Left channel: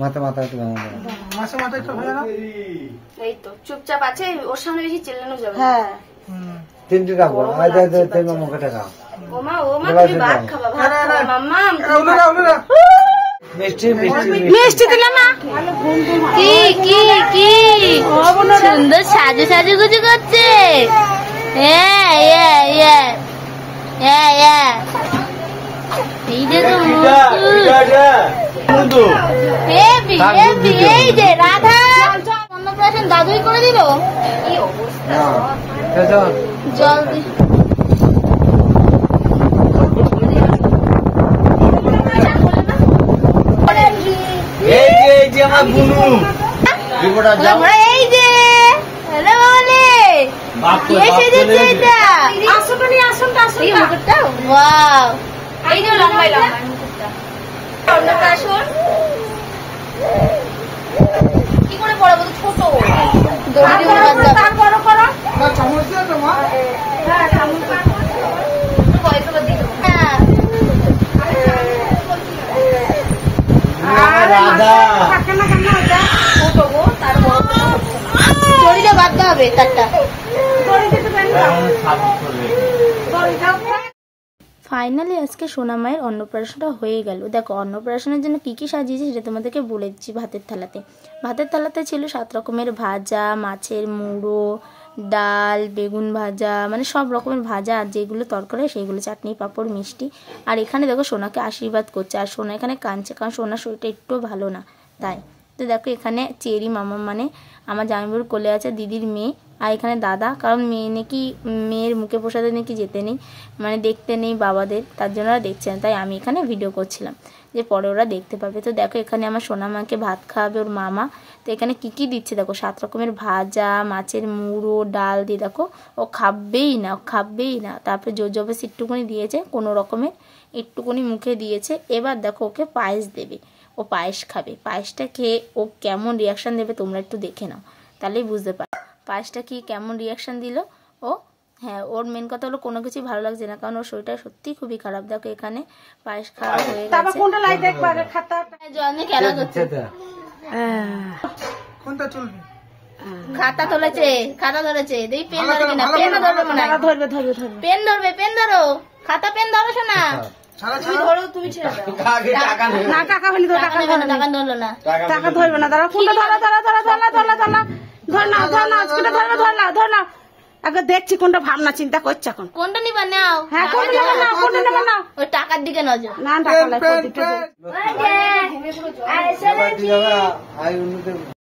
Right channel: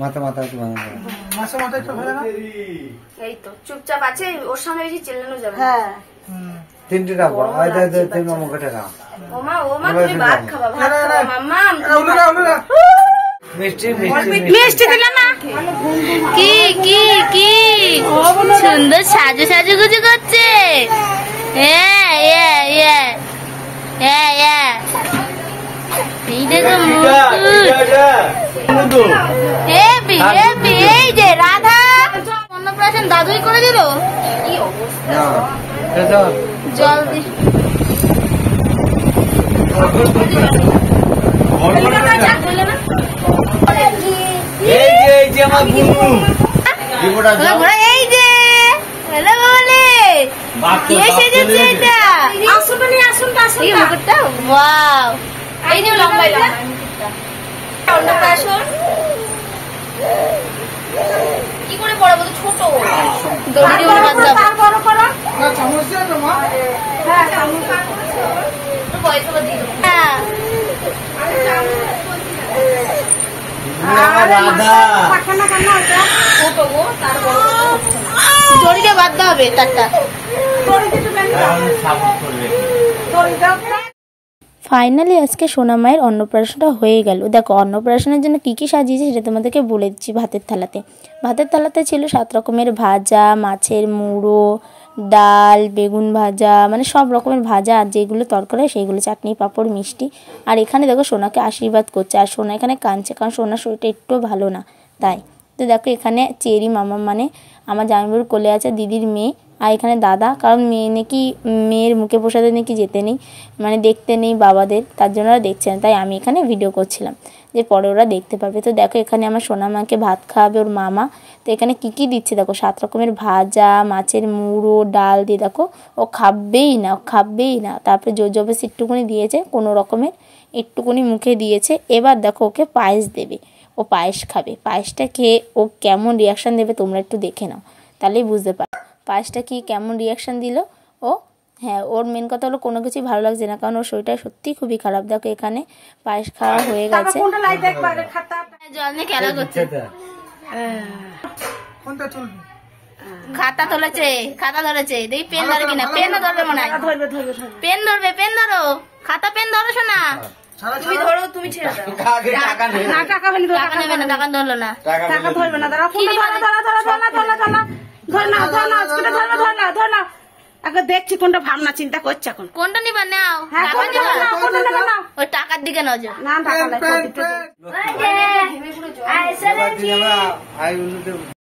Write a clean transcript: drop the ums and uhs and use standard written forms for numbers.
মাথা মাথা একটু মাথা একটু ভালো না এই তো চুপচাপ আছে ওর সামনে বেশি চিল্লানো যাবে হ্যাঁ তিনটে রাখবো আমাকে টাকা ওমা তুমি ভাত খাবা ভাত খাবা মাম্মা উলুরা মিষ্টি মিষ্টি মিষ্টি দিলাম না কি কি কি সুন্দর সাজু সাজু গুজু করছে হ্যাঁ হ্যাঁ হ্যাঁ হ্যাঁ হ্যাঁ দেখো হেবি হেবি এই যে রাধা অন্নপ্রাশন দাদুই করে দিল জল এই যে আমার বুনু এই যে হ্যালো বলে কে সেজেছে এটা আসুন তো আসুন এই মুকুটটা ওয়াও এই যে লম্বাই লম্বাই মুকুটটা অন্নপ্রাশন কি করে বড় বড় ছোট দড়ি দিয়ে বাঁধতে হবে বড় করো না সমস্যা তো মা হ্যাঁ বয়স করে দিও রাধা ছোট গো তার বড় দড়ি দিয়ে বাঁধতে হবে তারটা ফাইনালি আজকে সোনা মায়ের অন্নপ্রাশনটা হয়ে গেল। দেখো অন্নপ্রাশনের জন্য কী কী সাজিয়েছে সেটা তোমাদেরকে বলে দিচ্ছি। ভাতের থালাতে ছিল 7 রকমের ভাজা, মাছের মুড়ো, ডাল, বেগুন ভাজা, মানে সব রকমের ভাজা, আর যেগুলো তরকারি সেইগুলো, চাটনি, পাঁপড়, মিষ্টি। আর এখানে দেখো সোনাকে আশীর্বাদ করছে, আর সোনা এখানে কাঁদছে, কারণ সোনার শরীরটা একটু ভালো না তাই। তো দেখো এখানে চেরি মামা মানে আমার জামাইবাবুর কোলে আছে দিদির মেয়ে, আর এখানে দাদা, কারণ মেয়ের মুখে প্রসাদে নাকি যেতে নেই, মানে দেখতে নেই বাবাদের, তার জন্য ওরা দেখছে না, তাই আমি এখানে ভিডিও করছিলাম যে পরে ওরা দেখতে পাবে। তো দেখো এখানে আমার সোনা মাকে ভাত খাওয়াবে ওর মামা। তো এখানে কি কি দিচ্ছে দেখো, 7 রকমের ভাজা, মাছের মুড়ো, ডাল দিয়ে দেখো ও খাবেই না। তারপরে জোর জবরদস্তি একটুকুনি দিয়েছে, কোনো রকমের একটুকুনি মুখে দিয়েছে। এবার দেখো ওকে পায়েস দেবে, ও পায়েস খাবে। পায়েসটা খেয়ে ও কেমন রিয়াকশান দেবে তোমরা একটু দেখে নাও, তাহলেই বুঝতে পারো পায়েসটা কি কেমন রিয়াকশান দিল ও। হ্যাঁ, ওর মেন কথা হলো কোনো কিছুই ভালো লাগছে না, কারণ ওর শরীরটা সত্যিই খুবই খারাপ। দেখো এখানে পায়েস খাওয়া হয়ে গেছে, জল নিয়ে খেলা করছে। কোনটা চলবে? খাতা ধরেছে দেখি পেন ধরে কিনা, পেনও ধরবে মনে হয়, পেন ধরো, খাতা পেন ধরো শোনা, তুমি ধরো, তুমি ছেড়ে দাও, টাকা নেবে না, টাকা ধরলো না, টাকা ধরবে না, দাঁড়াও, আগে দেখছি কোনটা ভাবনা চিন্তা করছে, এখন কোনটা নিবা নাও, ওই টাকার দিকে নজর।